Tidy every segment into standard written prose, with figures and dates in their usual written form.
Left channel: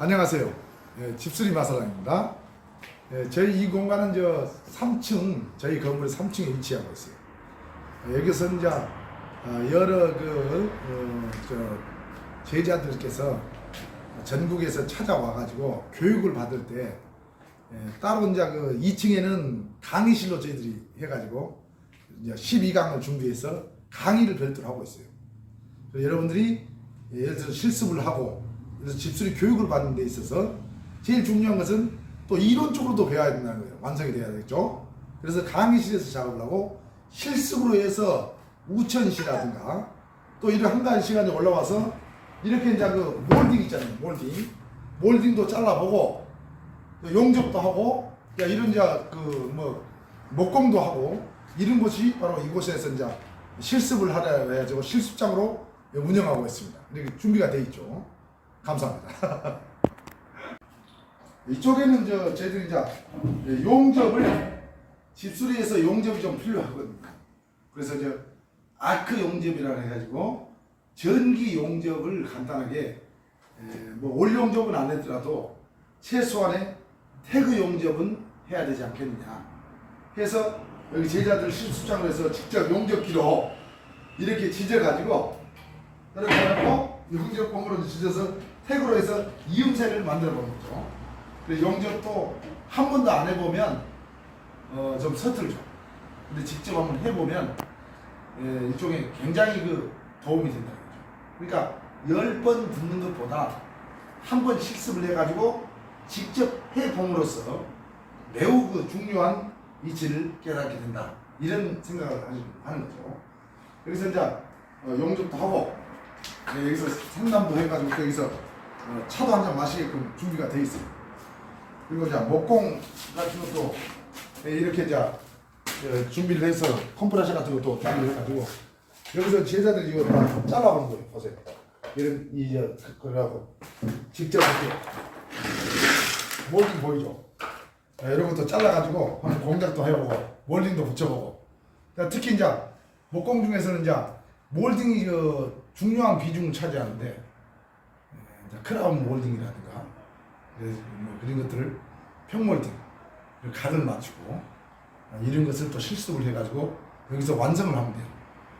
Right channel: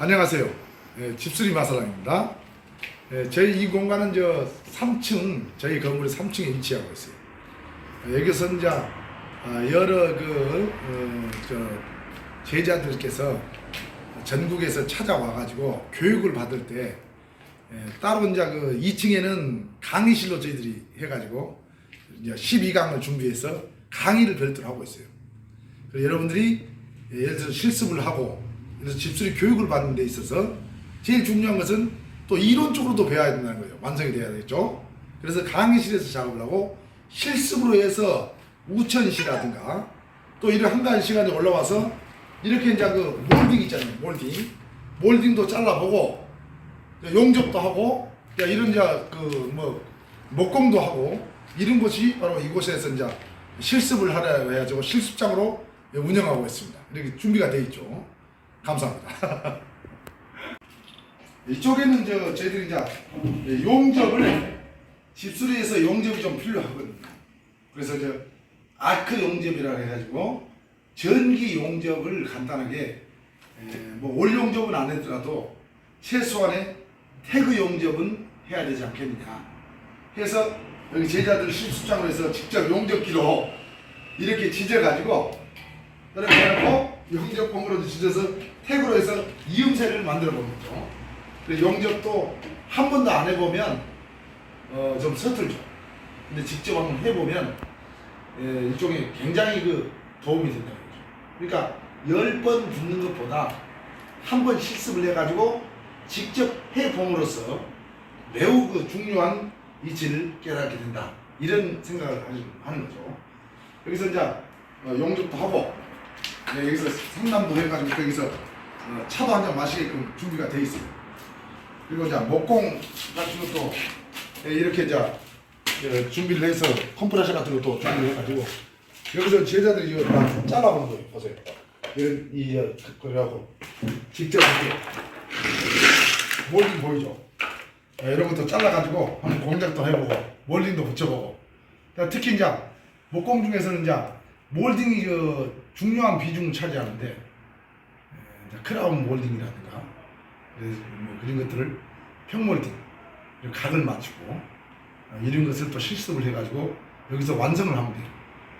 안녕하세요. 집수리 마사장입니다. 저희 이 공간은 3층, 저희 건물의 3층에 위치하고 있어요. 여기서 이제 여러 제자들께서 전국에서 찾아와가지고 교육을 받을 때 따로 이제 2층에는 강의실로 저희들이 해가지고 이제 12강을 준비해서 강의를 별도로 하고 있어요. 여러분들이 예를 들어서 실습을 하고 그래서 집수리 교육을 받는 데 있어서 제일 중요한 것은 또 이론적으로도 배워야 된다는 거예요. 완성이 돼야 되겠죠. 그래서 강의실에서 작업을 하고 실습으로 해서 우천시라든가 또 이런 한가한 시간에 올라와서 이렇게 이제 몰딩 있잖아요. 몰딩도 잘라보고 용접도 하고 이런 이제 목공도 하고 이런 곳이 바로 이곳에서 이제 실습을 하려 해가지고 실습장으로 운영하고 있습니다. 이렇게 준비가 되어 있죠. 감사합니다. 이쪽에는 저희들이 이제 용접을 집수리에서 용접이 좀 필요하거든요. 그래서 아크 용접이라 해가지고 전기 용접을 간단하게 올 용접은 안 하더라도 최소한의 태그 용접은 해야 되지 않겠느냐 해서 여기 제자들 실습장을 해서 직접 용접기로 이렇게 지져가지고 이렇게 해놓고 용접봉으로 지져서 태그로 해서 이음새를 만들어 보는 거죠. 그래서 용접도 한 번도 안 해보면 좀 서툴죠. 근데 직접 한번 해보면 이쪽에 굉장히 도움이 된다는 거죠. 그러니까 10번 붙는 것보다 한 번 실습을 해가지고 직접 해봄으로써 매우 중요한 이치를 깨닫게 된다. 이런 생각을 하는 거죠. 여기서 이제 용접도 하고 여기서 상담도 해가지고 여기서 차도 한잔 마시게끔 준비가 되어 있어요. 그리고 이제 목공 같은 것도 이렇게 이제 준비를 해서 컴프레셔 같은 것도 준비를 해가지고 여기서 제자들이 이거 다 잘라보는 거예요. 보세요. 이런 그래갖고 직접 이렇게 몰딩 보이죠? 이런 것도 잘라가지고 한번 공작도 해보고 몰딩도 붙여보고 특히 이제 목공 중에서는 이제 몰딩이 중요한 비중을 차지하는데 크라운 몰딩이라든가 그런 것들을 평몰딩 각을 맞추고 이런 것을 또 실습을 해가지고 여기서 완성을 하면 돼요.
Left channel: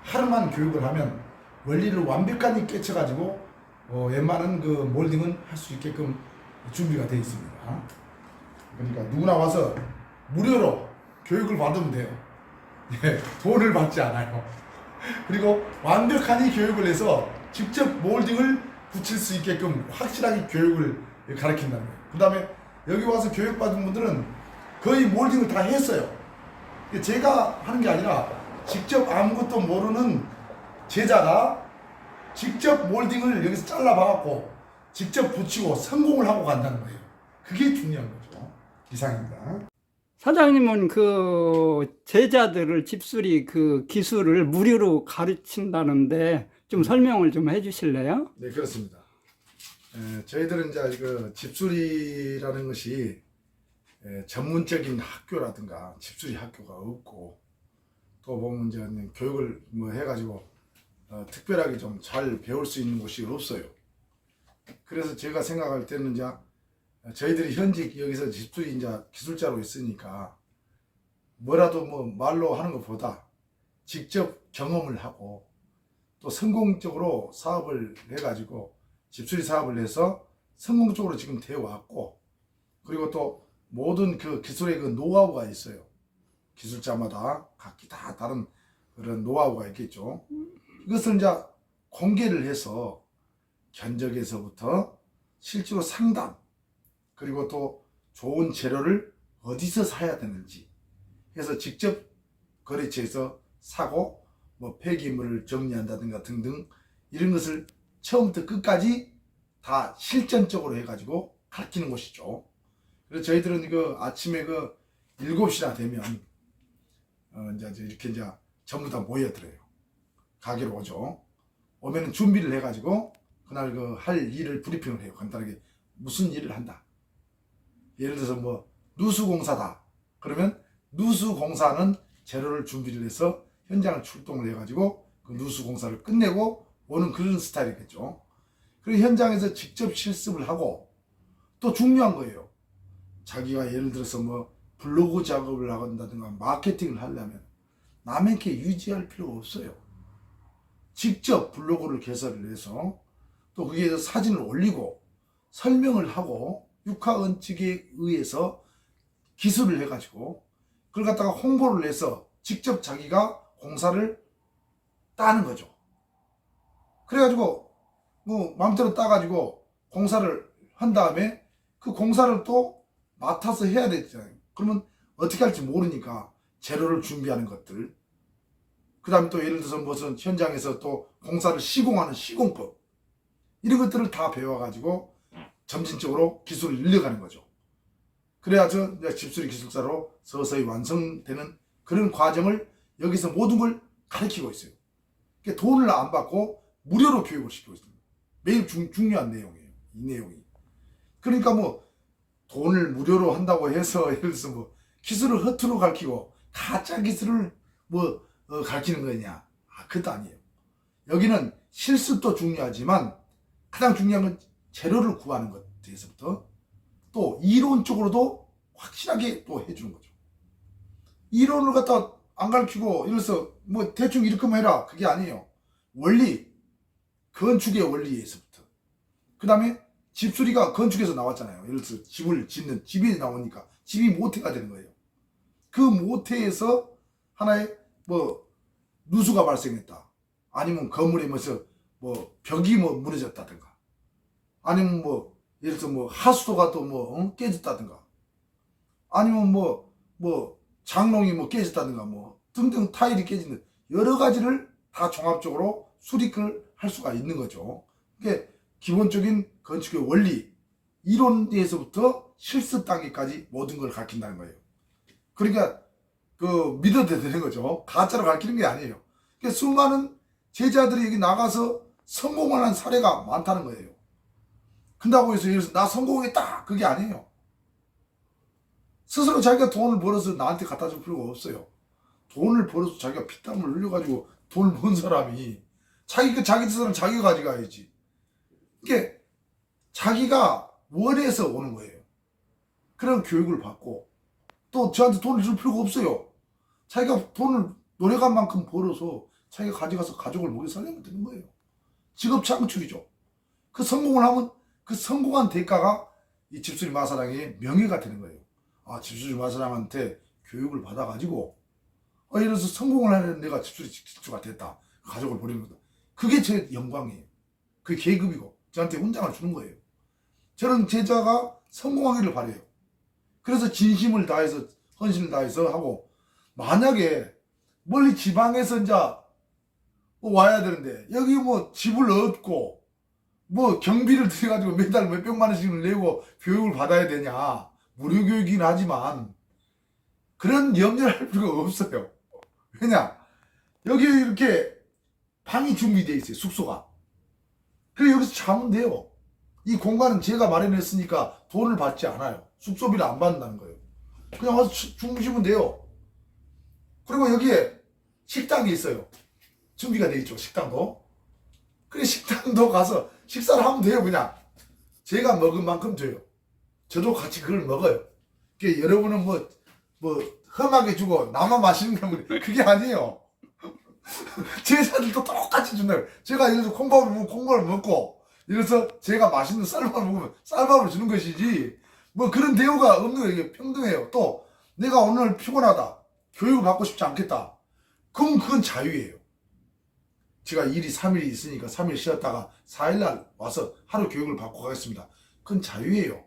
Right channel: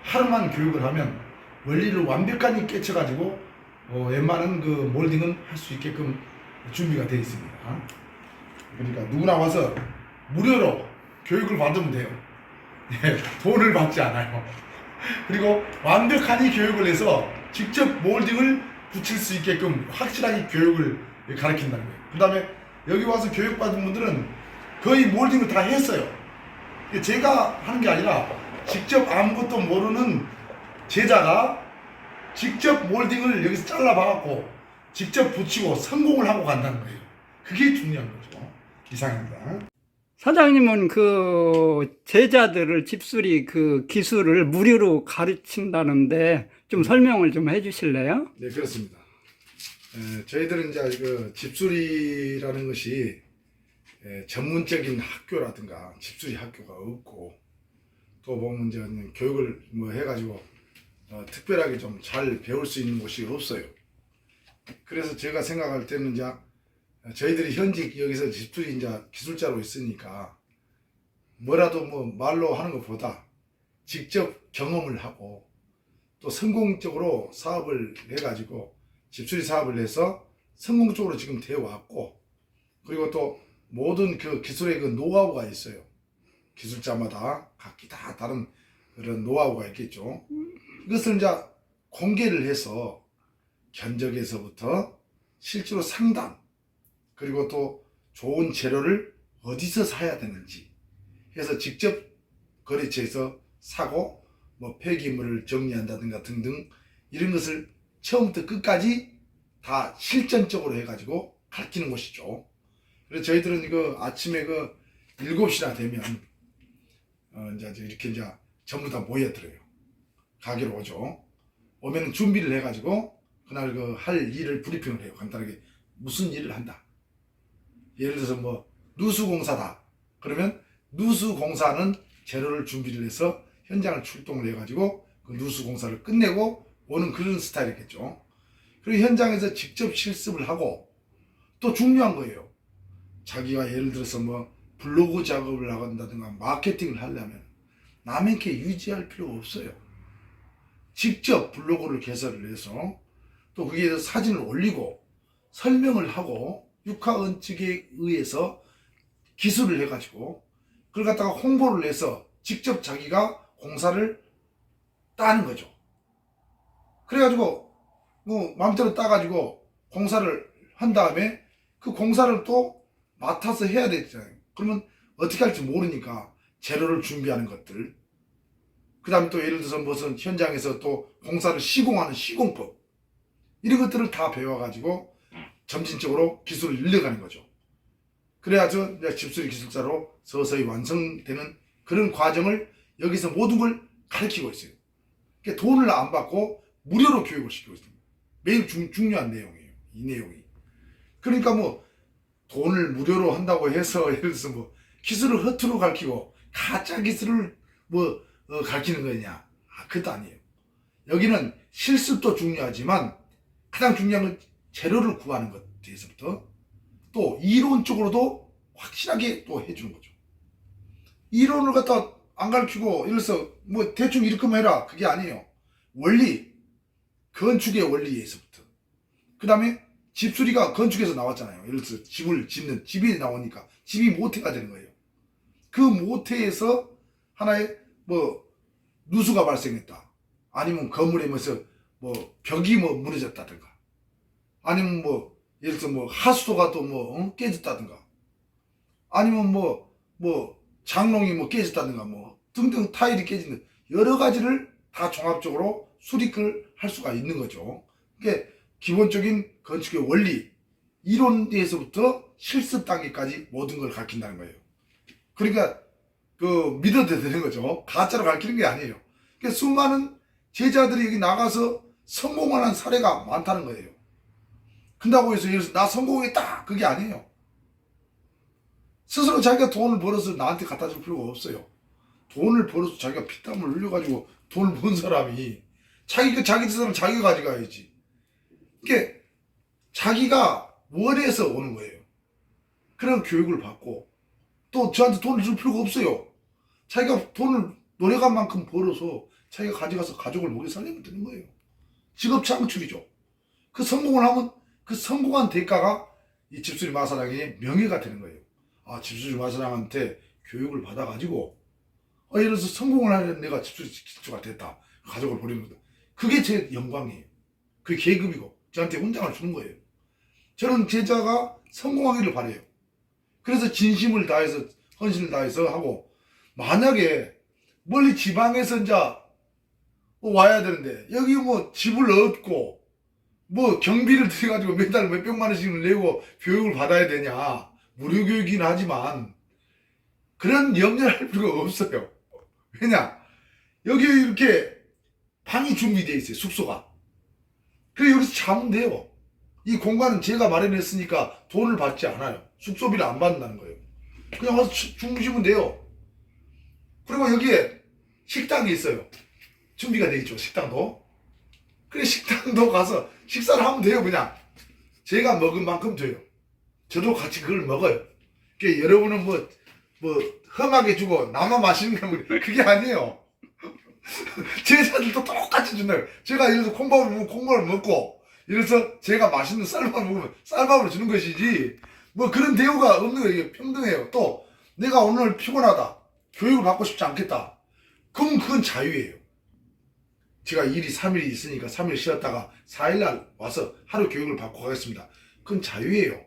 하루만 교육을 하면 원리를 완벽하게 깨쳐가지고 웬만한 몰딩은 할 수 있게끔 준비가 되어 있습니다. 그러니까 누구나 와서 무료로 교육을 받으면 돼요. 돈을 받지 않아요. 그리고 완벽하게 교육을 해서 직접 몰딩을 붙일 수 있게끔 확실하게 교육을 가르친다는 거예요. 그 다음에 여기 와서 교육받은 분들은 거의 몰딩을 다 했어요. 제가 하는 게 아니라 직접 아무것도 모르는 제자가 직접 몰딩을 여기서 잘라봐갖고 직접 붙이고 성공을 하고 간다는 거예요. 그게 중요한 거죠. 이상입니다. 사장님은 제자들을 집수리 기술을 무료로 가르친다는데 좀 설명을 좀 해주실래요? 네, 그렇습니다. 저희들은 이제 집수리라는 것이 전문적인 학교라든가 집수리 학교가 없고 또 보면 이제 교육을 해가지고 특별하게 좀 잘 배울 수 있는 곳이 없어요. 그래서 제가 생각할 때는 이제 저희들이 현직 여기서 집수리 이제 기술자로 있으니까 뭐라도 말로 하는 것보다 직접 경험을 하고 또 성공적으로 사업을 해가지고 집수리 사업을 해서 성공적으로 지금 되어 왔고 그리고 또 모든 기술의 노하우가 있어요. 기술자마다 각기 다 다른 그런 노하우가 있겠죠. 이것을 이제 공개를 해서 견적에서부터 실제로 상담 그리고 또 좋은 재료를 어디서 사야 되는지 해서 직접 거래처에서 사고 폐기물을 정리한다든가 등등 이런 것을 처음부터 끝까지 다 실전적으로 해가지고 가르치는 곳이죠. 그래서 저희들은 아침에 7시나 되면 이제 이렇게 전부 다 모여들어요. 가게로 오죠. 오면은 준비를 해가지고 그날 할 일을 브리핑을 해요. 간단하게 무슨 일을 한다. 예를 들어서 누수공사다. 그러면 누수공사는 재료를 준비를 해서 현장을 출동을 해가지고 그 누수공사를 끝내고 오는 그런 스타일이겠죠. 그리고 현장에서 직접 실습을 하고 또 중요한 거예요. 자기가 예를 들어서 뭐 블로그 작업을 나간다든가 마케팅을 하려면 남에게 유지할 필요가 없어요. 직접 블로그를 개설을 해서 또 거기에 사진을 올리고 설명을 하고 육하원칙에 의해서 기술을 해가지고 그걸 갖다가 홍보를 해서 직접 자기가 공사를 따는 거죠. 그래가지고 뭐 마음대로 따가지고 공사를 한 다음에 그 공사를 또 맡아서 해야 되잖아요. 그러면 어떻게 할지 모르니까 재료를 준비하는 것들, 그 다음에 또 예를 들어서 무슨 현장에서 또 공사를 시공하는 시공법, 이런 것들을 다 배워가지고 점진적으로 기술을 늘려가는 거죠. 그래야죠 이제 집수리 기술사로 서서히 완성되는 그런 과정을 여기서 모든 걸 가르치고 있어요. 그러니까 돈을 안 받고 무료로 교육을 시키고 있습니다. 매우 중요한 내용이에요. 이 내용이. 그러니까 뭐 돈을 무료로 한다고 해서 예를 들어서 뭐 기술을 허투루 가르치고 가짜 기술을 뭐 가르치는 거냐? 그것도 아니에요. 여기는 실습도 중요하지만 가장 중요한 건 재료를 구하는 것에서부터 또 이론적으로도 확실하게 또 해주는 거죠. 이론을 갖다 안 가르치고 예를 들어서 뭐 대충 이렇게만 해라, 그게 아니에요. 원리, 건축의 원리에서부터, 그 다음에 집수리가 건축에서 나왔잖아요. 예를 들어서 집을 짓는, 집이 나오니까 집이 모태가 되는 거예요. 그 모태에서 하나의 뭐 누수가 발생했다, 아니면 건물에 뭐 벽이 뭐 무너졌다든가, 아니면 뭐 예를 들어서 뭐 하수도가 또 뭐 깨졌다든가, 아니면 뭐 장롱이 뭐 깨졌다든가, 뭐 등등 타일이 깨지는 여러 가지를 다 종합적으로 수립을 할 수가 있는 거죠. 그게 기본적인 건축의 원리, 이론에서부터 실습 단계까지 모든 걸 가르친다는 거예요. 그러니까 그 믿어도 되는 거죠. 가짜로 가르치는 게 아니에요. 그러니까 수많은 제자들이 여기 나가서 성공하는 사례가 많다는 거예요. 근다고 해서 예를 들어서 나 성공했다, 그게 아니에요. 스스로 자기가 돈을 벌어서 나한테 갖다 줄 필요가 없어요. 돈을 벌어서 자기가 피땀을 흘려가지고 돈을 번 사람이 자기 재산은 자기가 가져가야지. 이게 자기가 원해서 오는 거예요. 그런 교육을 받고 또 저한테 돈을 줄 필요가 없어요. 자기가 돈을 노력한 만큼 벌어서 자기가 가져가서 가족을 먹여 살리면 되는 거예요. 직업 창출이죠. 그 성공을 하면 그 성공한 대가가 이 집수리 마사랑의 명예가 되는 거예요. 아, 집수리 마사랑한테 교육을 받아가지고 예를 들어서 성공을 하는 내가 집수리 기초가 됐다, 가족을 버리는 거다. 그게 제 영광이에요. 그게 계급이고 저한테 훈장을 주는 거예요. 저는 제자가 성공하기를 바라요. 그래서 진심을 다해서 헌신을 다해서 하고, 만약에 멀리 지방에서 이제 와야 되는데 여기 뭐 집을 얻고 뭐 경비를 들여가지고 매달 몇백만 원씩을 내고 교육을 받아야 되냐, 무료 교육이긴 하지만 그런 염려를 할 필요가 없어요. 왜냐, 여기 이렇게 방이 준비되어 있어요. 숙소가. 그래 여기서 자면 돼요. 이 공간은 제가 마련했으니까 돈을 받지 않아요. 숙소비를 안 받는다는 거예요. 그냥 와서 주무시면 돼요. 그리고 여기에 식당이 있어요. 준비가 되어 있죠. 식당도. 그래 식당도 가서 식사를 하면 돼요. 그냥 제가 먹은 만큼 줘요. 저도 같이 그걸 먹어요. 그러니까 여러분은 뭐 험하게 주고 나만 맛있는 건 그게 아니에요. 제자들도 똑같이 준다고요. 제가 예를 들어서 콩밥을 먹으면 콩밥을 먹고, 예를 들어서 제가 맛있는 쌀밥을 먹으면 쌀밥을 주는 것이지 뭐 그런 대우가 없는 거예요. 이게 평등해요. 또 내가 오늘 피곤하다, 교육을 받고 싶지 않겠다, 그럼 그건 자유예요. 제가 일이 3일이 있으니까 3일 쉬었다가 4일날 와서 하루 교육을 받고 가겠습니다. 그건 자유예요.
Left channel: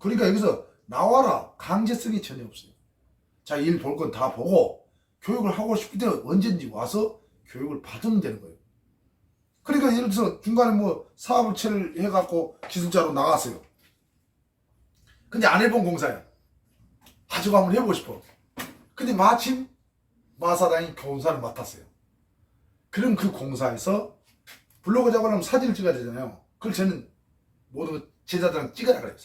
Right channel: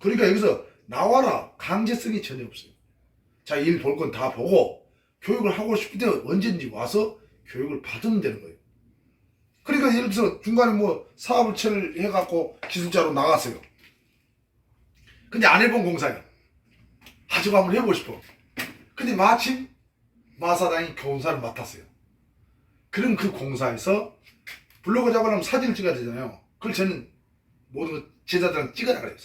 그러니까 여기서 나와라 강제성이 전혀 없어요. 자, 일 볼 건 다 보고 교육을 하고 싶을 때 언제든지 와서 교육을 받으면 되는 거예요. 그러니까 예를 들어서 중간에 뭐 사업을 해갖고 기술자로 나갔어요. 근데 안 해본 공사야. 저거 한번 해보고 싶어. 근데 마침 마사당이 공사를 맡았어요. 그럼 그 공사에서 블로그 작업하려면 사진을 찍어야 되잖아요. 그걸 저는 모든 제자들한테 찍어라 그래요.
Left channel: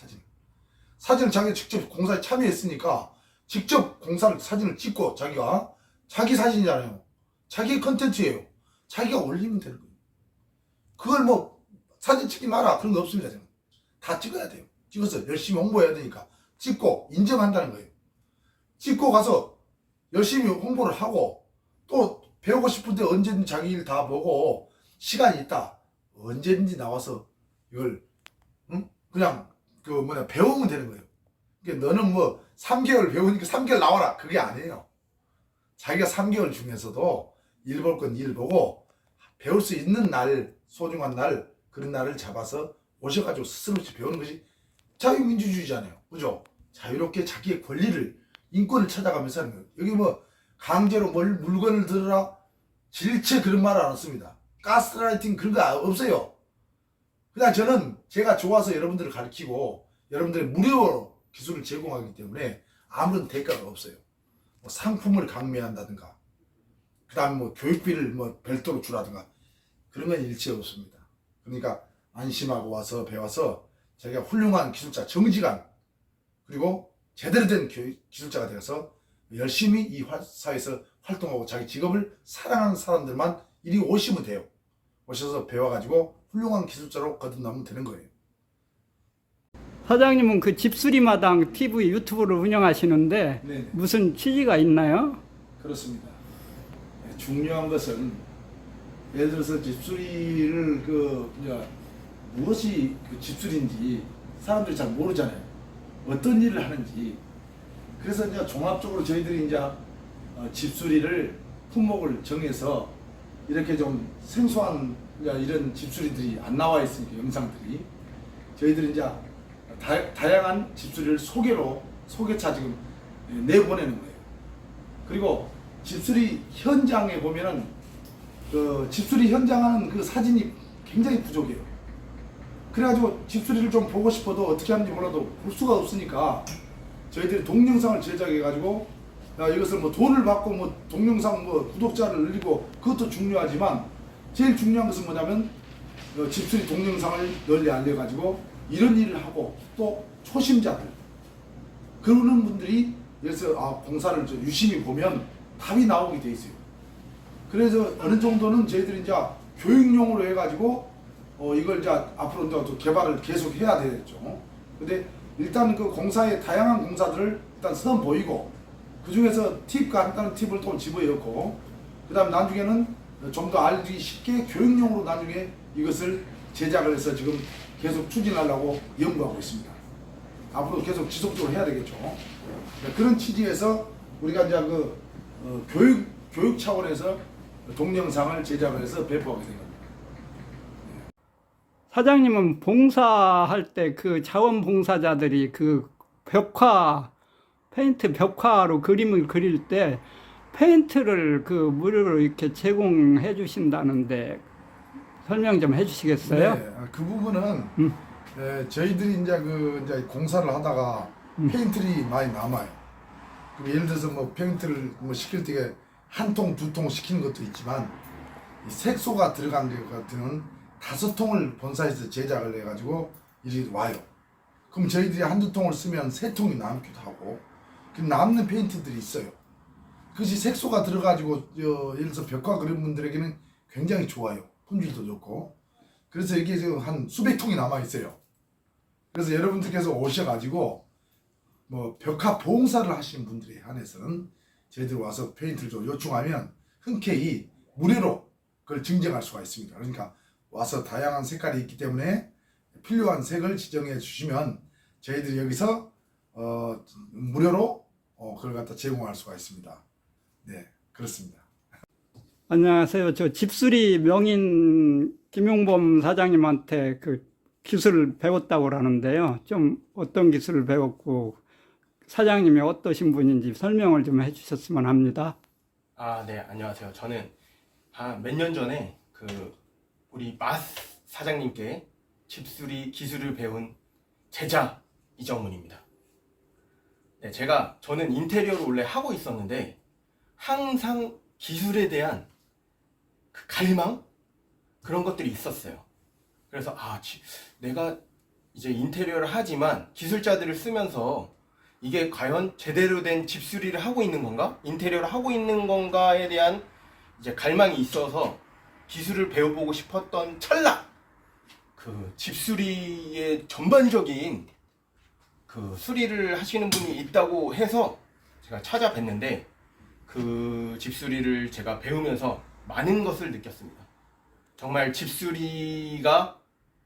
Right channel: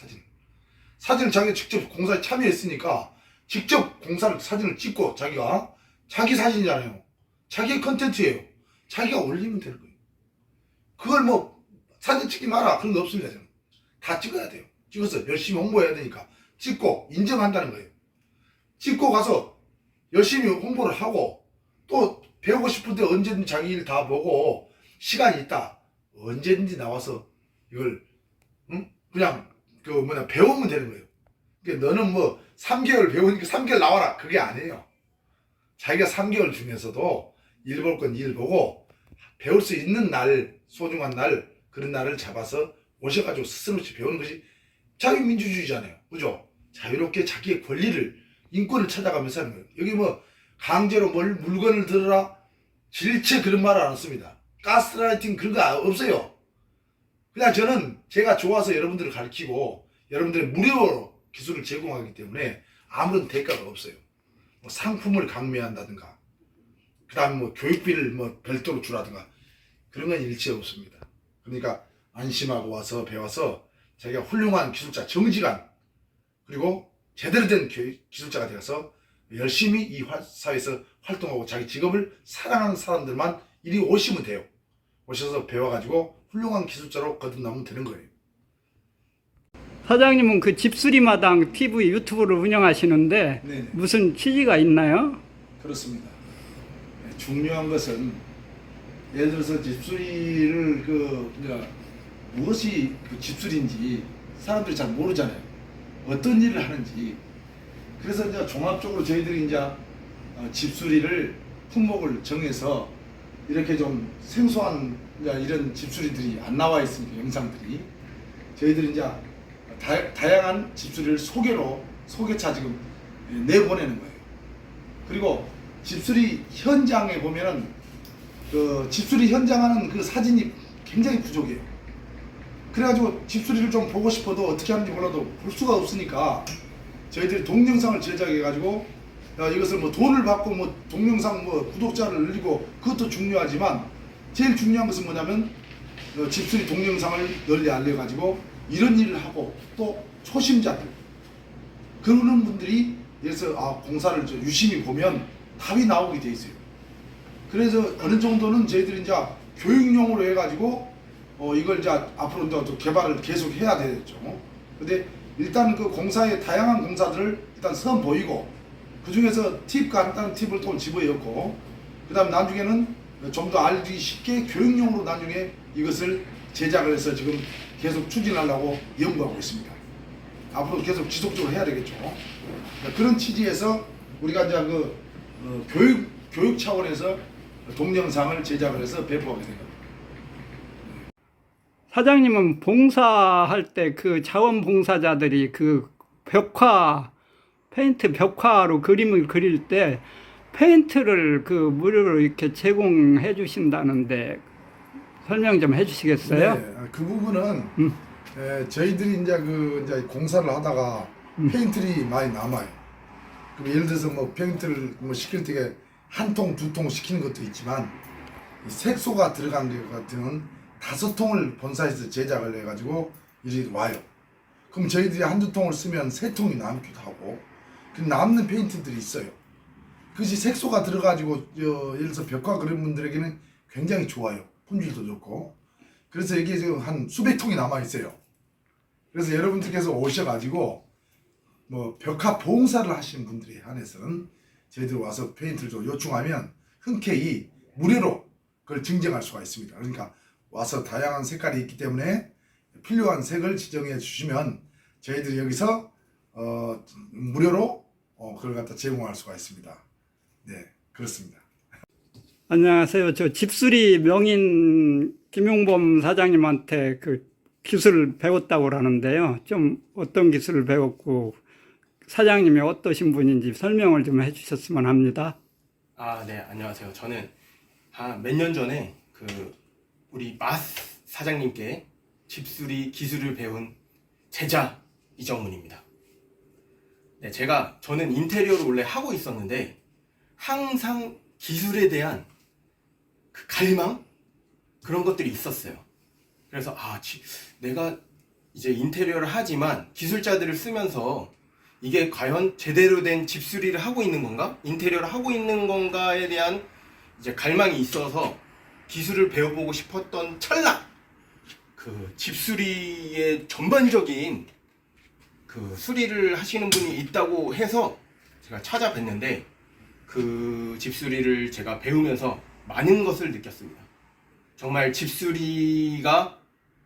사진을 자기가 직접 공사에 참여했으니까 직접 공사를 사진을 찍고, 자기가 자기 사진이잖아요. 자기의 컨텐츠예요. 자기가 올리면 되는 거예요. 그걸 뭐 사진 찍지 마라 그런 거 없습니다. 저는 다 찍어야 돼요. 찍어서 열심히 홍보해야 되니까 찍고 인정한다는 거예요. 찍고 가서 열심히 홍보를 하고 또 배우고 싶은데 언제든지 자기 일 다 보고 시간이 있다 언제든지 나와서 이걸 그냥 배우면 되는 거예요. 그러니까 너는 뭐 3개월 배우니까 3개월 나와라 그게 아니에요. 자기가 3개월 중에서도 일 볼 건 일 보고 배울 수 있는 날, 소중한 날 그런 날을 잡아서 오셔가지고 스스로 배우는 것이 자유민주주의잖아요. 그죠? 자유롭게 자기의 권리를 인권을 찾아가면서 하는 거예요. 여기 뭐 강제로 물건을 들어라 질체 그런 말 안 했습니다. 가스라이팅 그런 거 없어요. 그냥 저는 제가 좋아서 여러분들을 가르치고 여러분들의 무료로 기술을 제공하기 때문에 아무런 대가가 없어요. 뭐 상품을 강매한다든가 그 다음에 뭐 교육비를 뭐 별도로 주라든가 그런 건 일체 없습니다. 그러니까 안심하고 와서 배워서 자기가 훌륭한 기술자 정직한 그리고 제대로 된 기술자가 되어서 열심히 이 사회에서 활동하고 자기 직업을 사랑하는 사람들만 이리 오시면 돼요. 오셔서 배워가지고 훌륭한 기술자로 거듭나면 되는 거예요. 사장님은 그 집수리마당 TV 유튜브를 운영하시는데 네네. 무슨 취지가 있나요? 그렇습니다. 중요한 것은 예를 들어서 집수리를 무엇이 집수리인지 사람들이 잘 모르잖아요. 어떤 일을 하는지. 그래서 이제 종합적으로 저희들이 이제 집수리를 품목을 정해서 이렇게 좀 생소한 이런 집수리들이 안 나와 있으니까 영상들이 저희들이 이제 다양한 집수리를 소개차 지금 내보내는 거예요. 그리고 집수리 현장에 보면은 그 집수리 현장 하는 그 사진이 굉장히 부족해요. 그래가지고 집수리를 좀 보고 싶어도 어떻게 하는지 몰라도 볼 수가 없으니까 저희들이 동영상을 제작해가지고 이것을 뭐 돈을 받고 뭐 동영상 뭐 구독자를 늘리고 그것도 중요하지만 제일 중요한 것은 뭐냐면 집수리 동영상을 널리 알려가지고 이런 일을 하고 또 초심자들 그러는 분들이 여기서 공사를 유심히 보면 답이 나오게 돼 있어요. 그래서 어느 정도는 저희들이 이제 교육용으로 해가지고 이걸 이제 앞으로 이제 또 개발을 계속 해야 되겠죠. 근데 일단 그 공사의 다양한 공사들을 일단 선보이고 그 중에서 간단한 팁을 또 집어넣고 그 다음 나중에는 좀 더 알기 쉽게 교육용으로 나중에 이것을 제작을 해서 지금 계속 추진하려고 연구하고 있습니다. 앞으로 계속 지속적으로 해야 되겠죠. 그런 취지에서 우리가 이제 교육 차원에서 동영상을 제작을 해서 배포하게 된 겁니다. 사장님은 봉사할 때 그 자원봉사자들이 그 페인트 벽화로 그림을 그릴 때 페인트를 그 무료로 이렇게 제공해 주신다는데 설명 좀 해주시겠어요? 네, 그 부분은 저희들이 이제 공사를 하다가 페인트를 많이 남아요. 예를 들어서 뭐 페인트를 시킬 때 한 통, 두 통 시키는 것도 있지만 색소가 들어간 것 같은 5통을 본사에서 제작을 해가지고 이리 와요. 그럼 저희들이 한두 통을 쓰면 3통이 남기도 하고 그 남는 페인트들이 있어요. 그것이 색소가 들어가지고 예를 들어서 벽화 그런 분들에게는 굉장히 좋아요. 품질도 좋고. 그래서 이게 지금 한 수백 통이 남아 있어요. 그래서 여러분들께서 오셔가지고 뭐 벽화 봉사를 하시는 분들에 한해서는 저희들 와서 페인트를 좀 요청하면 흔쾌히 무료로 그걸 증정할 수가 있습니다. 그러니까 와서 다양한 색깔이 있기 때문에 필요한 색을 지정해 주시면 저희들이 여기서 무료로 그걸 갖다 제공할 수가 있습니다. 네, 그렇습니다. 안녕하세요. 저 집수리 명인 김용범 사장님한테 그 기술을 배웠다고 그러는데요. 좀 어떤 기술을 배웠고 사장님이 어떠신 분인지 설명을 좀 해주셨으면 합니다. 네, 안녕하세요. 저는 몇 년 전에 우리 사장님께 집수리 기술을 배운 제자 이정문입니다. 네, 저는 인테리어를 원래 하고 있었는데 항상 기술에 대한 그 갈망? 그런 것들이 있었어요. 그래서 내가 이제 인테리어를 하지만 기술자들을 쓰면서 이게 과연 제대로 된 집수리를 하고 있는 건가? 인테리어를 하고 있는 건가에 대한 이제 갈망이 있어서 기술을 배워보고 싶었던 찰나! 그 집수리의 전반적인 그 수리를 하시는 분이 있다고 해서 제가 찾아뵀는데 그 집수리를 제가 배우면서 많은 것을 느꼈습니다. 정말 집수리가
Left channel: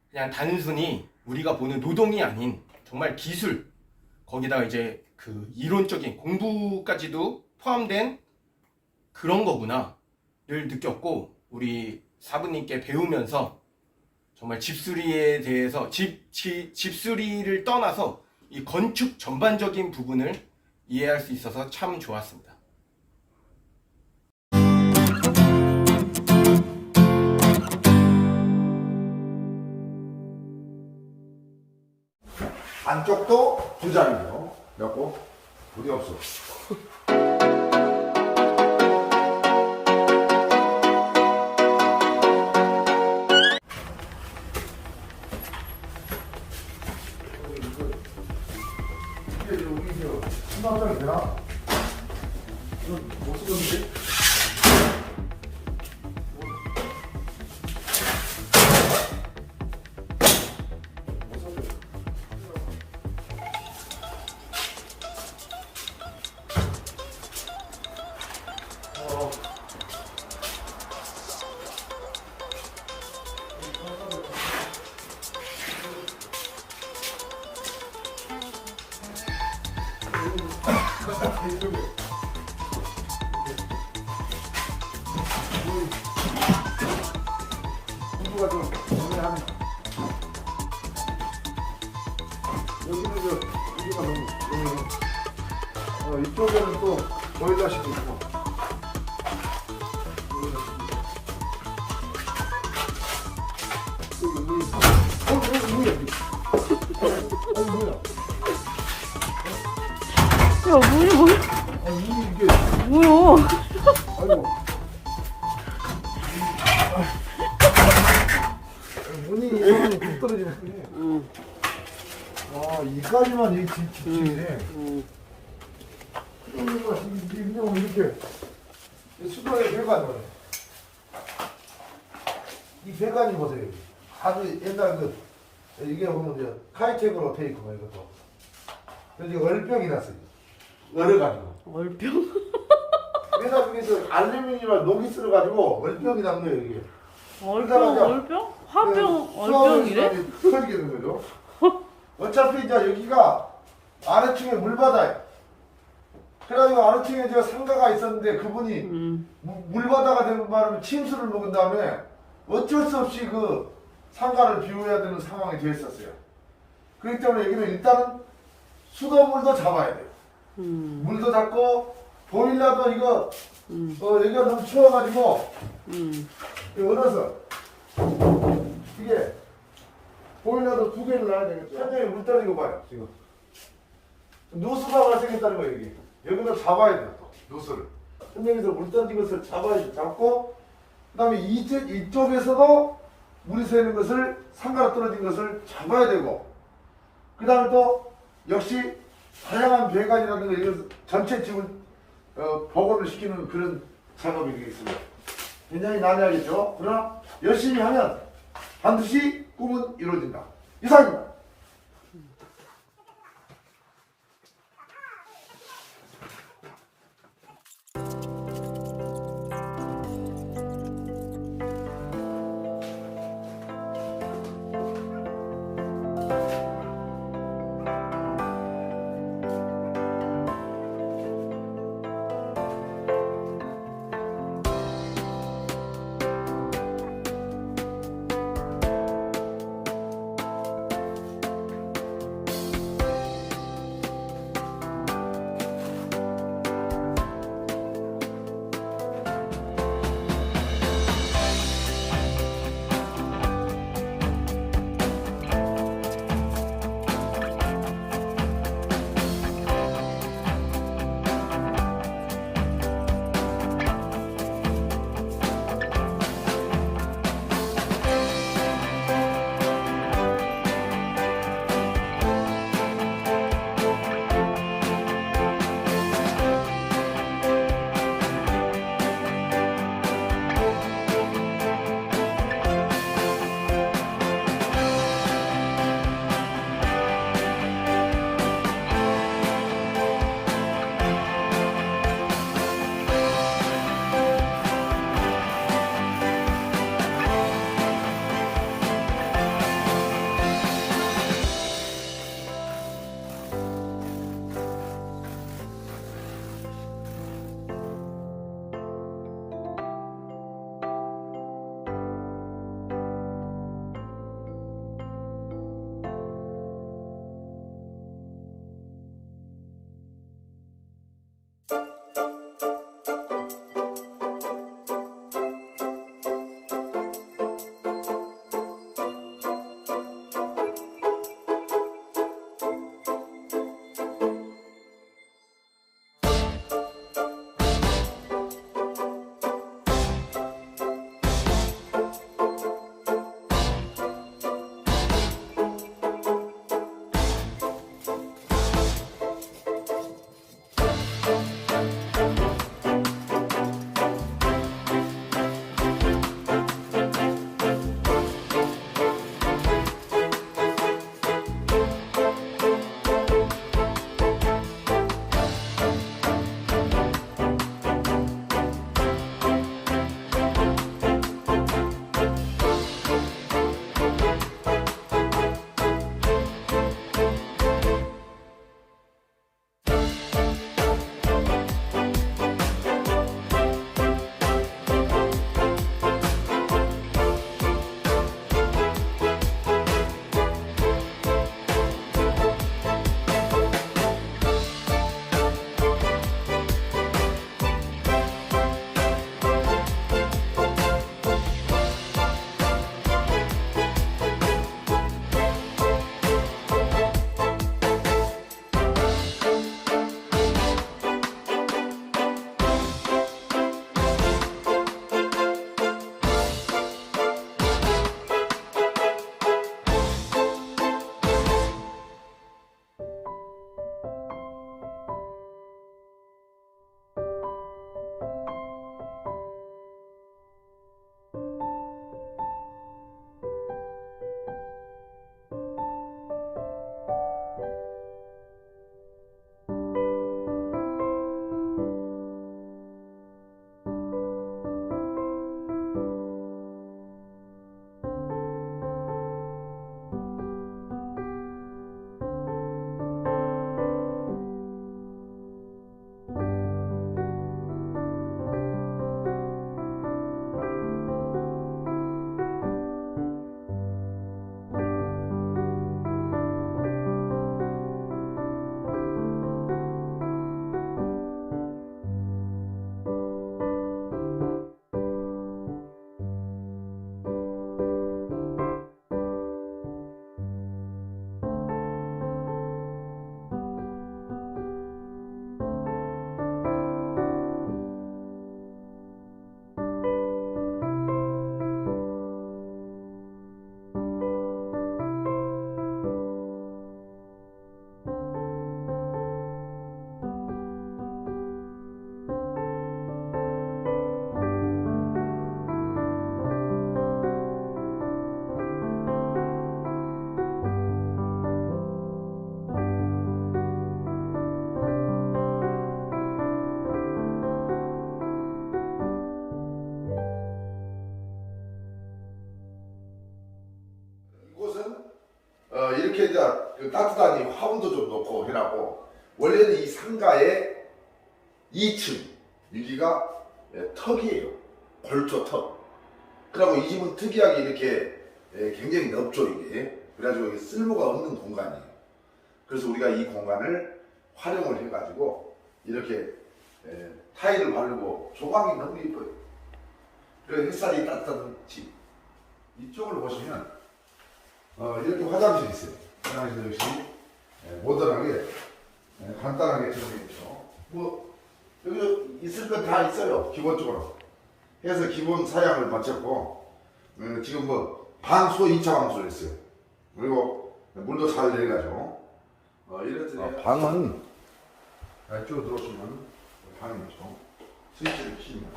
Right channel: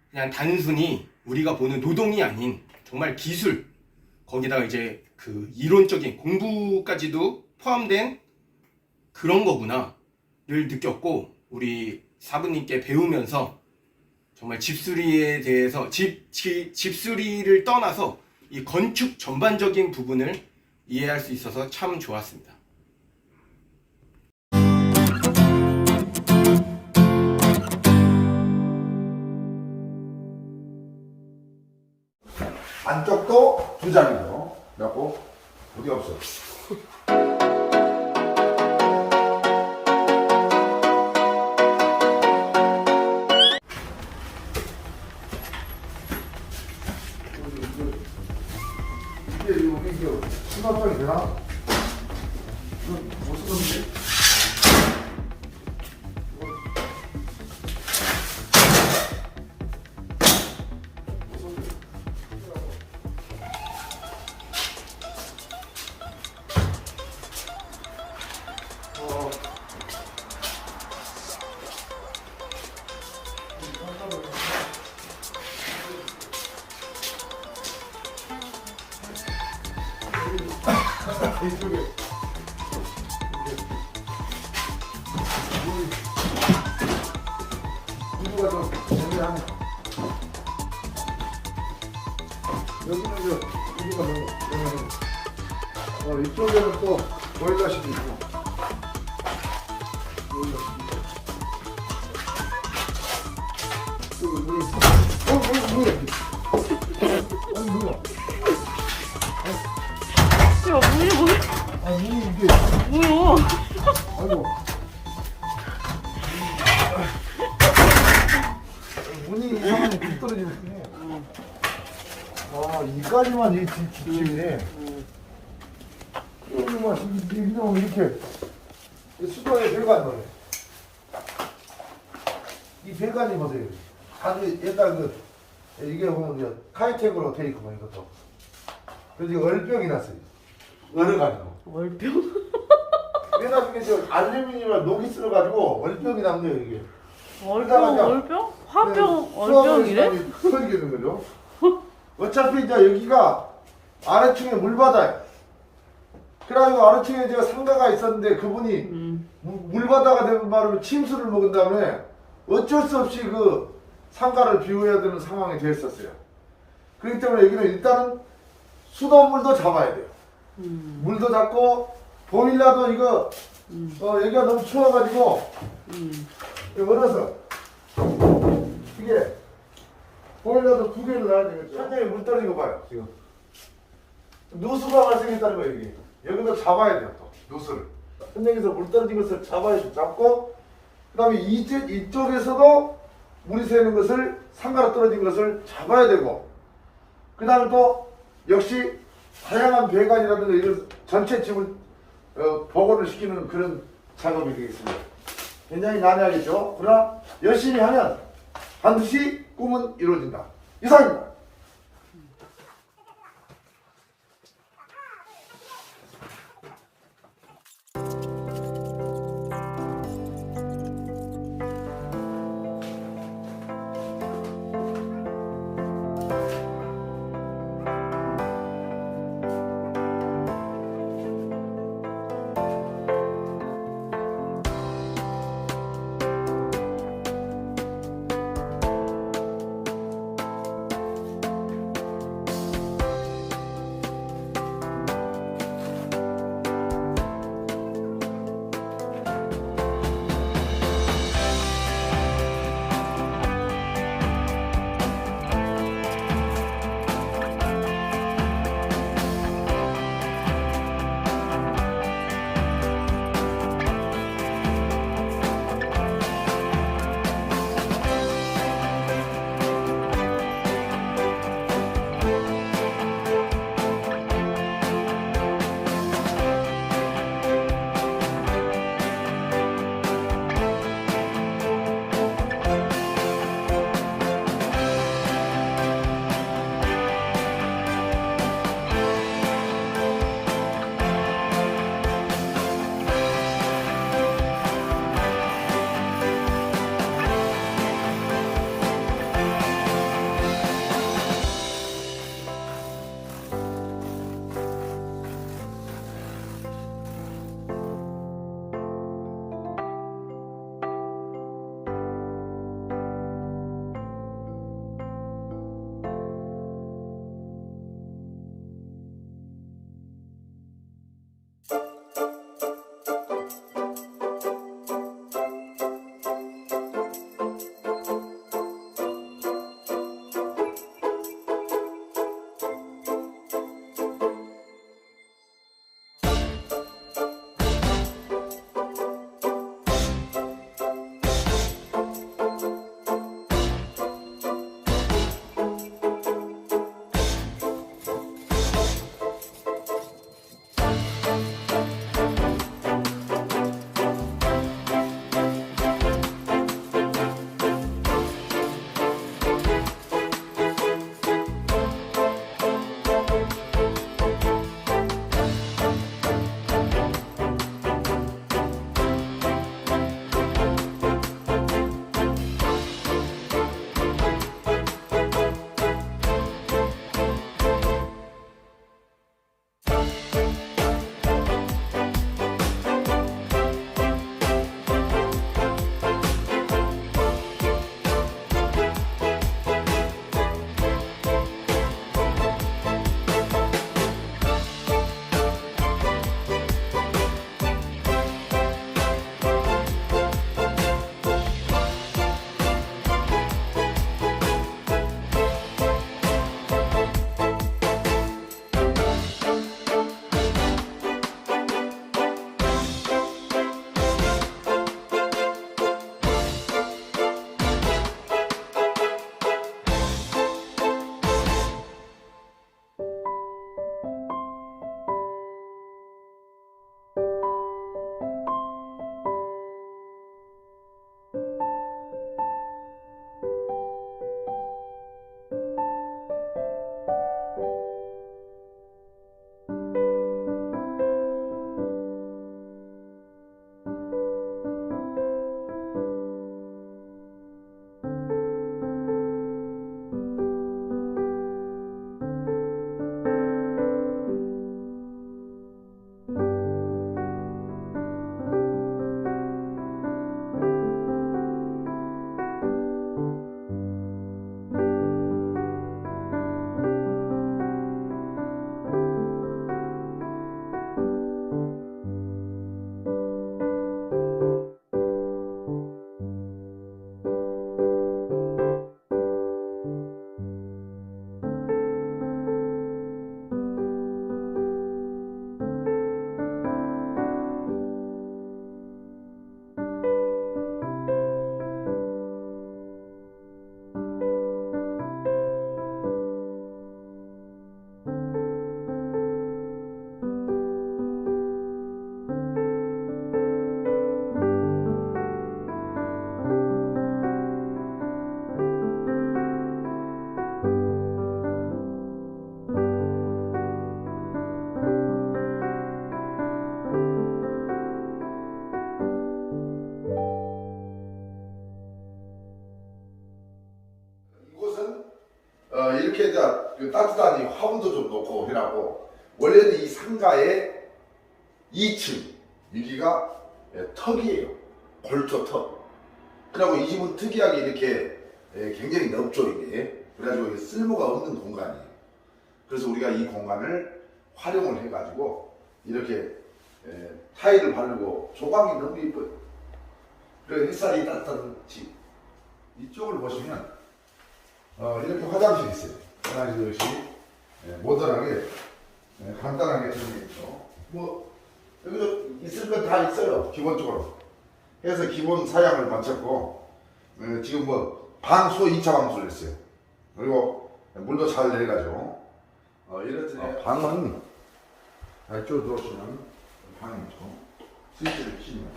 그냥 단순히 우리가 보는 노동이 아닌 정말 기술, 거기다가 이제 그 이론적인 공부까지도 포함된 그런 거구나를 느꼈고, 우리 사부님께 배우면서 정말 집수리에 대해서 집수리를 떠나서 이 건축 전반적인 부분을 이해할 수 있어서 참 좋았습니다. 안쪽도 두 자리고, 그래갖고 어디 없어. 이게 수납장이 되나? 이거 못 쓰는데? 구조가 좀 정리하네. 여기는 구조가 너무 이쪽에는 또 보일러실이 있고. 야, 뭐야? 아니 이게 뭐야? 아이고. 문이 이상하게 뚝 떨어지네. 와, 이까지만 이 집이네. 여기만 이놈 이렇게 수도에 배관이 뭐래. 이 배관이 보세요. 아주 옛날 이게 보면 이제 카이텍으로 돼 있고 이것도. 그래서 얼병이 났어요. 얼어가지고. 얼병? 그래서 이게 저 알루미늄을 녹이 쓸어가지고 얼병이 난 거예요 이게. 얼병? 화병, 얼병이래? 터지게 된 거죠. 어차피 이제 여기가 아래층에 물바다예요. 그래가지고 아래층에 제가 상가가 있었는데 그분이 물바다가 되는 바람에 침수를 먹은 다음에 어쩔 수 없이 그 상가를 비워야 되는 상황이 됐었어요. 그렇기 때문에 여기는 일단은 수돗물도 잡아야 돼요. 물도 잡고 보일러도 이거 여기가 너무 추워가지고 얼어서 이게 보일러도 두 개를 놔야 되겠죠. 현장에 물 떨어지고 봐요 지금 누수가 발생했다는 거예요. 여기 여기도 잡아야 돼요. 또 누수를 현장에서 물 떨어진 것을 잡고 그 다음에 이쪽에서도 물이 새는 것을 상가로 떨어진 것을 잡아야 되고 그 다음에 또 역시 다양한 배관이라든가 이런 전체 집을 복원을 시키는 그런 작업이 되겠습니다. 굉장히 난해하겠죠. 그러나 열심히 하면 반드시 꿈은 이루어진다. 이상입니다. 이렇게 이제 그 따뜻한 이 화분도 좀 놓고 해라고 원래는 이 상가의 2층 여기가 턱이에요. 골조 턱. 그리고 이 집은 특이하게 이렇게 굉장히 넓죠 이게. 그래가지고 이게 쓸모가 없는 공간이에요. 그래서 우리가 이 공간을 활용을 해가지고 이렇게 타일을 바르고 조광이 너무 예뻐요. 그래서 햇살이 따뜻한 집. 이쪽을 보시면 이렇게 화장실이 있어요. 화장실도 역시 모던하게 간단하게 들어져 있죠. 뭐 여기 있을 건 다 있어요. 기본적으로 해서 기본 사양을 마쳤고 지금 뭐 방수 2차 방수를 했어요. 그리고 물도 잘 내려가지고 이렇듯이 방은 이쪽으로 들어오시면 방이 있죠. 스위치를 키면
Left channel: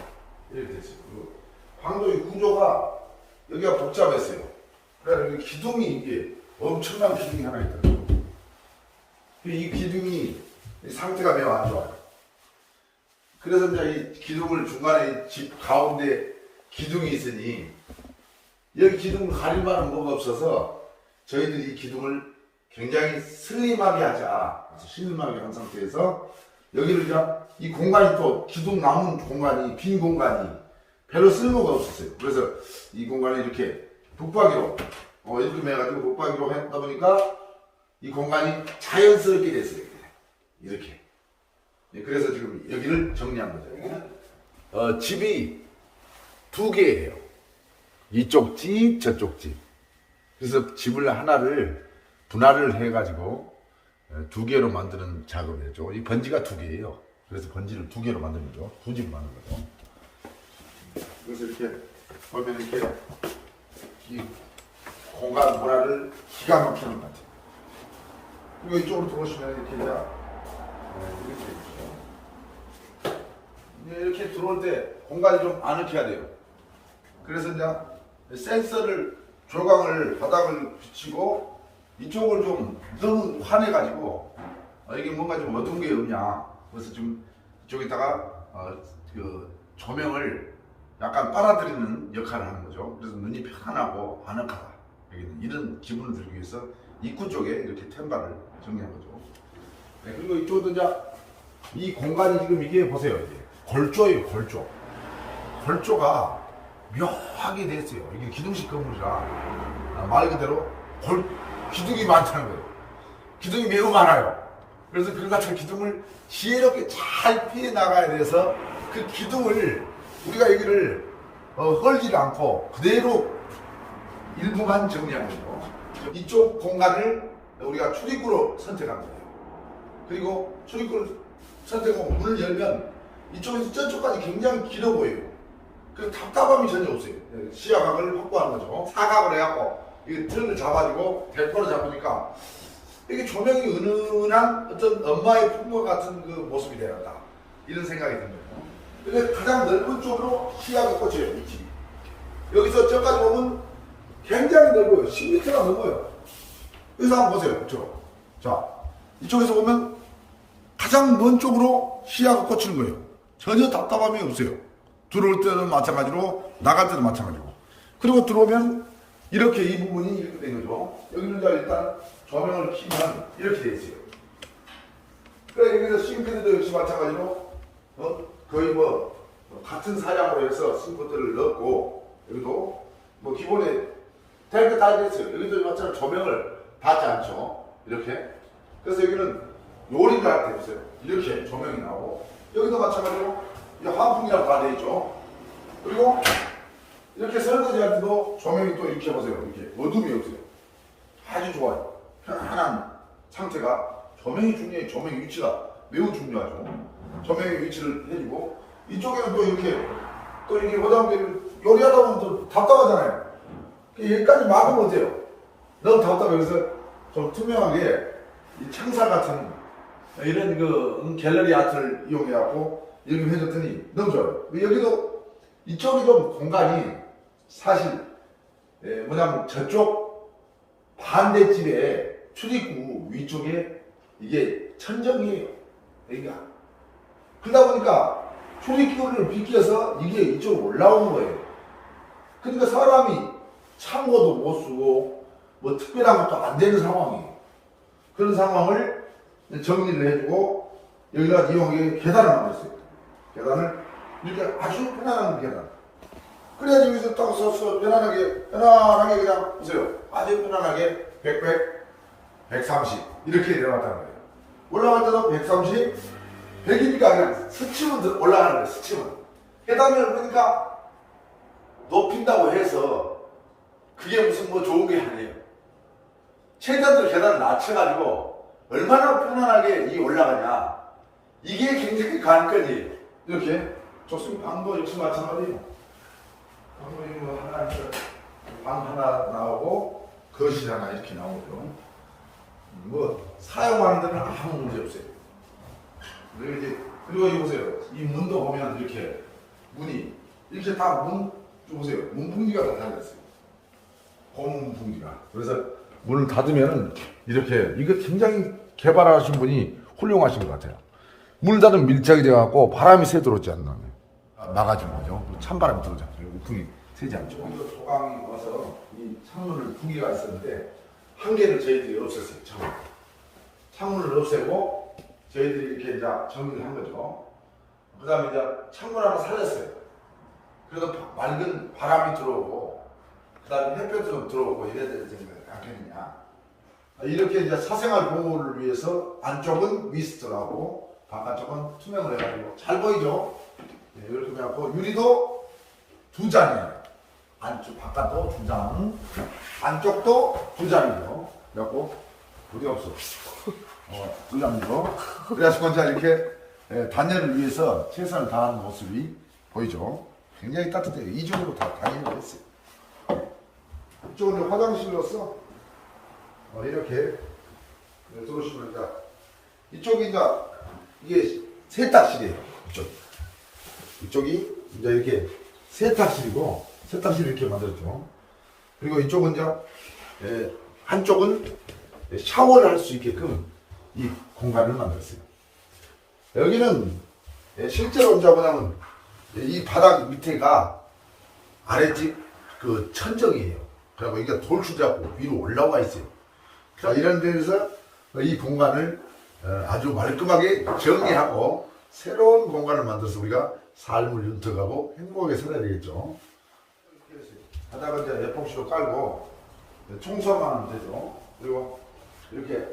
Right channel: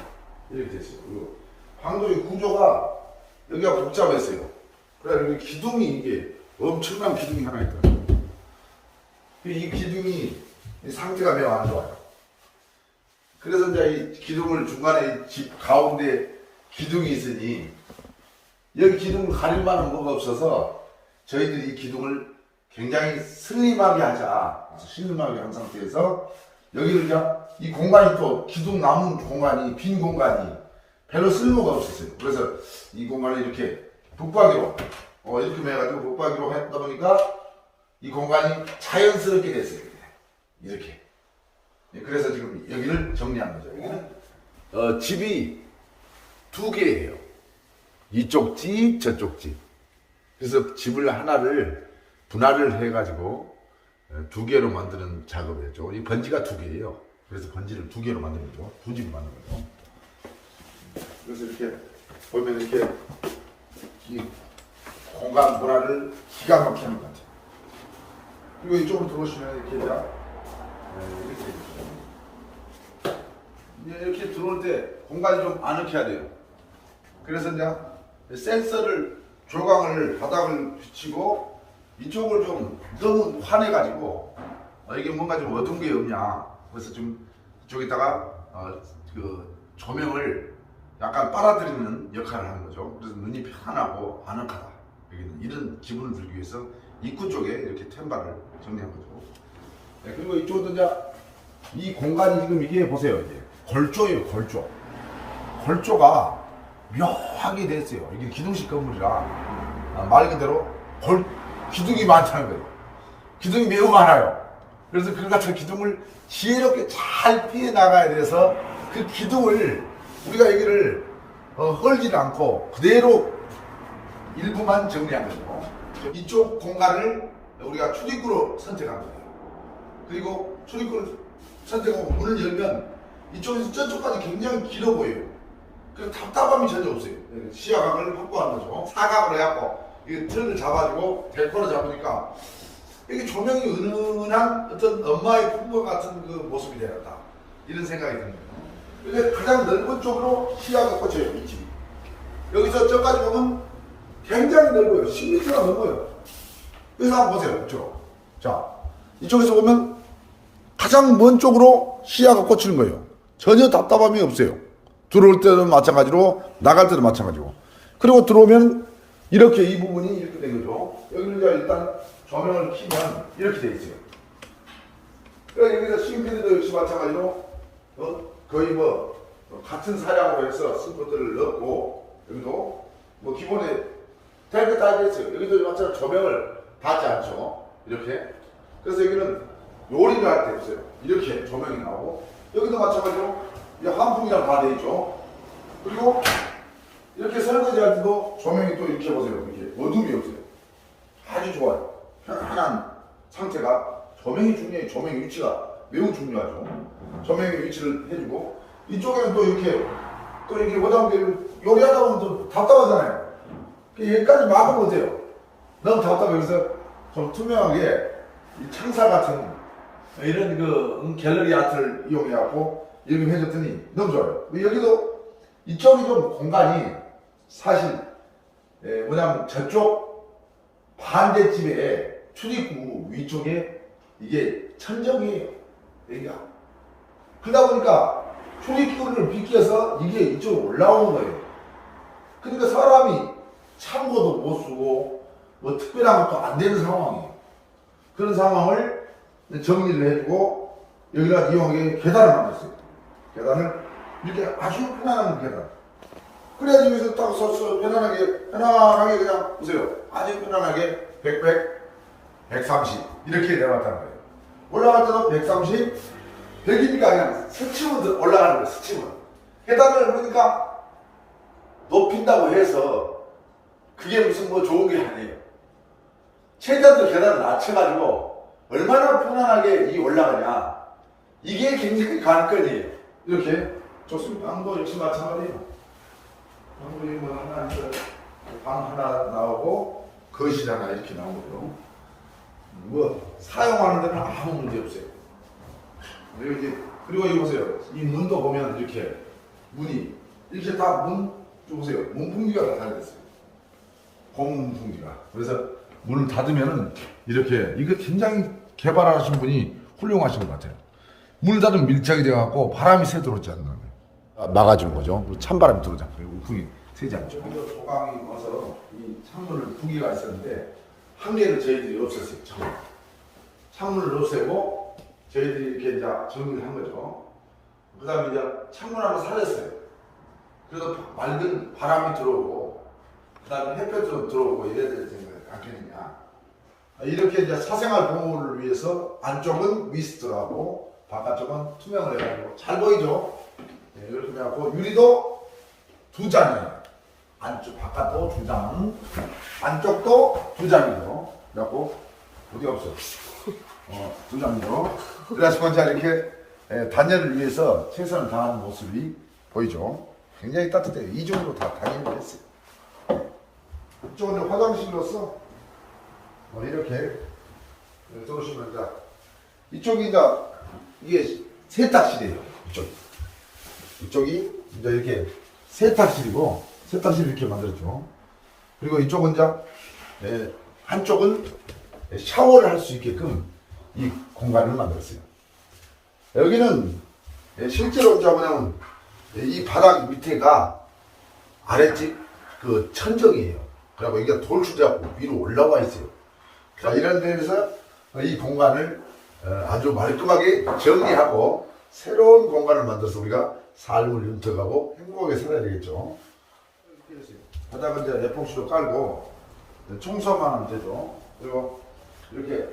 이렇게 돼 있어요. 그리고 방도의 구조가 여기가 복잡했어요. 그래서 여기 기둥이 이게 엄청난 기둥이 하나 있더라고요. 이 기둥이 상태가 매우 안 좋아요. 그래서 이제 이 기둥을 중간에 집 가운데 기둥이 있으니 여기 기둥을 가릴 만한 뭐가 없어서 저희들이 이 기둥을 굉장히 슬림하게 하자. 슬림하게 한 상태에서 여기를 이제 이 공간이 또 기둥 남은 공간이 빈 공간이 별로 쓸모가 없었어요. 그래서 이 공간을 이렇게 북박이로 이렇게 해가지고 북박이로 했다 보니까 이 공간이 자연스럽게 됐어요. 이렇게. 그래서 지금 여기를 정리한 거죠. 여기는 집이 두 개예요. 이쪽 집, 저쪽 집. 그래서 집을 하나를 분할을 해가지고 두 개로 만드는 작업을 했죠. 이 번지가 두 개예요. 그래서 번지를 두 개로 만든 거죠. 두 집을 만든 거죠. 그래서 이렇게 보면 이렇게 이 공간 분할을 기가 막히는 것 같아요. 그리고 이쪽으로 들어오시면 이렇게 이렇게 돼 있죠. 이렇게 들어올 때 공간이 좀 아늑해야 돼요. 그래서 이제 센서를 조광을 바닥을 붙이고 이쪽을 좀 너무 환해가지고 이게 뭔가 좀 어두운 게 없냐. 그래서 좀 이쪽에다가 그 조명을 약간 빨아들이는 역할을 하는 거죠. 그래서 눈이 편하고 아늑하다. 여기는 이런 기분을 들기 위해서 입구 쪽에 이렇게 템바를 정리한 거죠. 네, 그리고 이쪽도 이제 이 공간이 지금 이게 보세요. 이제 골조예요, 골조. 골조가 묘하게 돼 있어요. 이게 기둥식 건물이라 말 그대로 기둥이 많다는 거예요. 기둥이 매우 많아요. 그래서 그 같은 기둥을 지혜롭게 잘 피해 나가야 돼서 그 기둥을 우리가 여기를 헐지 않고 그대로 일부만 정리한 것이고 이쪽 공간을 우리가 출입구로 선택한 거예요. 그리고 출입구를 선택하고 문을 열면 이쪽에서 저쪽까지 굉장히 길어 보여요. 그래서 답답함이 전혀 없어요. 시야각을 확보하는 거죠. 사각으로 해갖고 이 틀을 잡아주고 델코로 잡으니까 이게 조명이 은은한 어떤 엄마의 품과 같은 그 모습이 되었다. 이런 생각이 든 거예요. 근데 가장 넓은 쪽으로 시야가 꽂혀요. 이 집이. 여기서 저까지 보면 굉장히 넓어요. 10m가 넘어요. 그래서 한번 보세요. 이쪽. 자, 이쪽에서 보면 가장 먼 쪽으로 시야가 꽂히는 거예요. 전혀 답답함이 없어요. 들어올 때도 마찬가지로 나갈 때도 마찬가지로. 그리고 들어오면 이렇게 이 부분이 이렇게 된 거죠. 여기를 일단 조명을 켜면 이렇게 돼 있어요. 그래 여기서 싱크대도 역시 마찬가지로 거의 뭐 같은 사양으로 해서 싱크대를 넣고 여기도 뭐 기본에 탱크 다 있어요. 여기도 마찬가지로 조명을 받지 않죠. 이렇게. 그래서 여기는 요리를 할 때 있어요. 이렇게 조명이 나오고 여기도 마찬가지로 환풍기랑 다 돼 있죠. 그리고 이렇게 설거지 할 때도 조명이 또 이렇게 보세요. 이렇게 어둠이 없어요. 아주 좋아요. 편안한 상태가 조명이 중요해요. 조명의 위치가 매우 중요하죠. 조명의 위치를 해주고 이쪽에는 또 이렇게 보다 보면 요리하다 보면 또 답답하잖아요. 여기까지 막으면 어때요? 너무 답답해. 그래서 좀 투명하게 이 창사 같은 이런 그 갤러리 아트를 이용해갖고 여기 해줬더니 너무 좋아요. 여기도 이쪽이 좀 공간이 사실 뭐냐면 저쪽 반대집에 출입구 위쪽에 이게 천정이에요. 여기가. 그러다 보니까 출입구를 비껴서 이게 이쪽으로 올라오는 거예요. 그러니까 사람이 창고도 못 쓰고 뭐 특별한 것도 안 되는 상황이에요. 그런 상황을 정리를 해주고 여기다 이용에 계단을 만들었어요. 계단을 이렇게 아주 편안한 계단. 그래야지 여기서 딱 서서 편안하게 그냥 보세요. 아주 편안하게 130 이렇게 내려갔다는 거예요. 올라갈 때도 130, 100이니까 그냥 스치면 올라가는 거예요. 스치면. 계단을 그러니까 높인다고 해서 그게 무슨 뭐 좋은 게 아니에요. 최대한 계단을 낮춰가지고 얼마나 편안하게 이 올라가냐. 이게 굉장히 관건이에요. 이렇게 좋습니다. 방도 역시 마찬가지예요. 방도 뭐 하나 있어요. 방 하나 나오고 거실 하나 이렇게 나오고요. 뭐 사용하는 데는 아무 문제 없어요. 그리고 여기 보세요. 이 문도 보면 이렇게 문이 이렇게 다 문 보세요. 문풍지가 다 달렸어요. 고문풍지가. 그래서 문을 닫으면은 이렇게 이거 굉장히 개발하신 분이 훌륭하신 것 같아요. 문을 닫으면 밀착이 돼갖고 바람이 새 들어오지 않는 막아준 거죠. 찬바람이 들어오지 않고 우풍이 새지 않죠. 소강이 와서 이 창문을 두 개가 있었는데 한 개를 저희들이 없앴어요. 창문을 없애고 저희들이 이렇게 이제 정리를 한 거죠. 그 다음에 이제 창문 하나 살렸어요. 그래서 맑은 바람이 들어오고 그 다음에 햇볕도 들어오고 이래야 될 생각을 않겠느냐. 이렇게 이제 사생활 보호를 위해서 안쪽은 미스트하고 바깥쪽은 투명을 해가지고 잘 보이죠? 네, 이렇게 해갖고 유리도 2장이에요. 안쪽 바깥도 2장, 안쪽도 2장이죠. 그래갖고 어디 없어. 2장이죠. 그래서 먼저 이렇게 단열을 위해서 최선을 다하는 모습이 보이죠. 굉장히 따뜻해요. 이중으로 다 단열을 했어요. 이쪽은 이제 화장실로서 이렇게 들어오시면 이제 이쪽이 이제 이게 세탁실이에요. 이쪽이 이제 이렇게 세탁실이고 세탁실 이렇게 만들었죠. 그리고 이쪽은 이제 한쪽은 샤워를 할 수 있게끔 이 공간을 만들었어요. 여기는 실제로 이제 뭐냐면 이 바닥 밑에가 아랫집 그 천정이에요. 그리고 여기가 돌출자고 위로 올라와 있어요. 자, 이런 데에서 이 공간을 아주 말끔하게 정리하고 새로운 공간을 만들어서 우리가 삶을 윤택하고 행복하게 살아야 되겠죠. 바닥은 이제 에폭시로 깔고 청소만 하면 되죠. 그리고 이렇게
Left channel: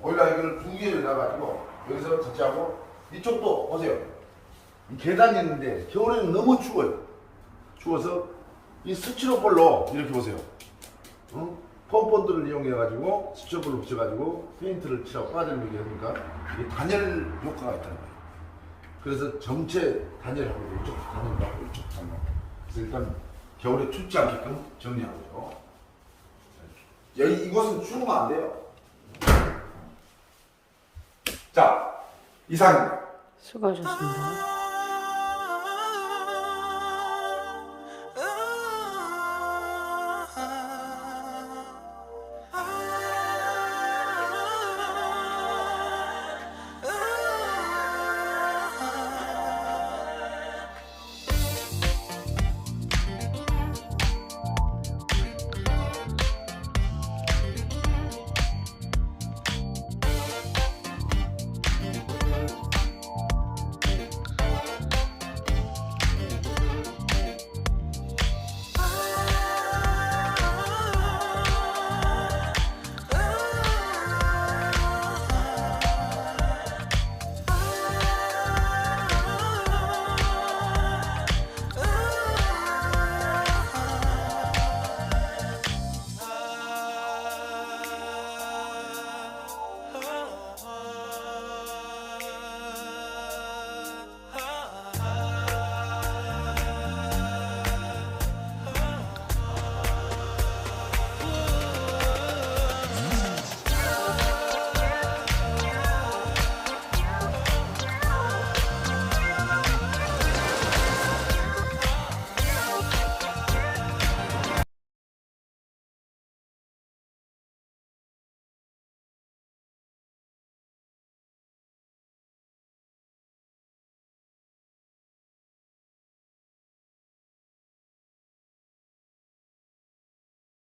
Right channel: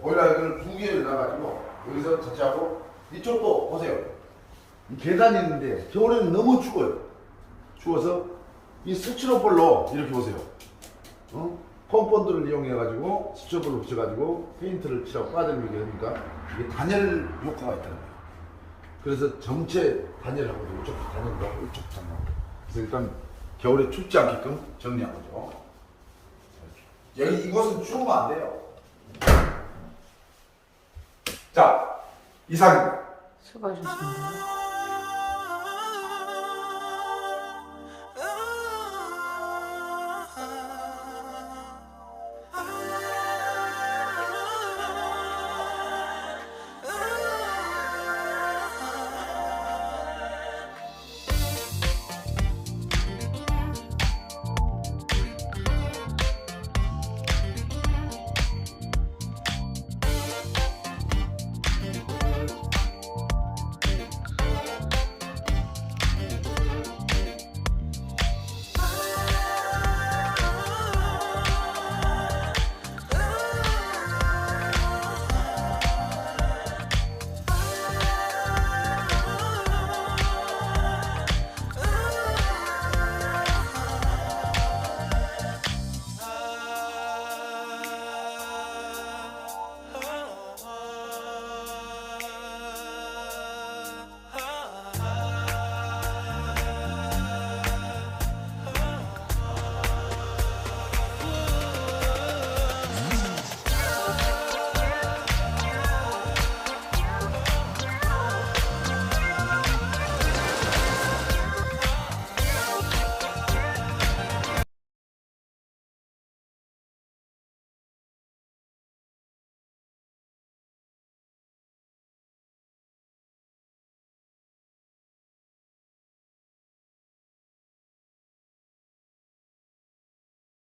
보일러 여기를 2개를 놔가지고 여기서 터치하고 이쪽도 보세요. 이 계단이 있는데 겨울에는 너무 추워요. 추워서 이 스티로폴로 이렇게 보세요. 폼본드를 이용해가지고 스티로폴로 붙여가지고 페인트를 칠하고 빠져들게 하니까 이게 단열 효과가 있다는 거예요. 그래서 전체 단열하고 이쪽 단열하고 이쪽 단열하고 그래서 일단 겨울에 춥지 않게끔 정리한 거죠. 여기 이곳은 추우면 안 돼요. 자, 이상입니다. 수고하셨습니다.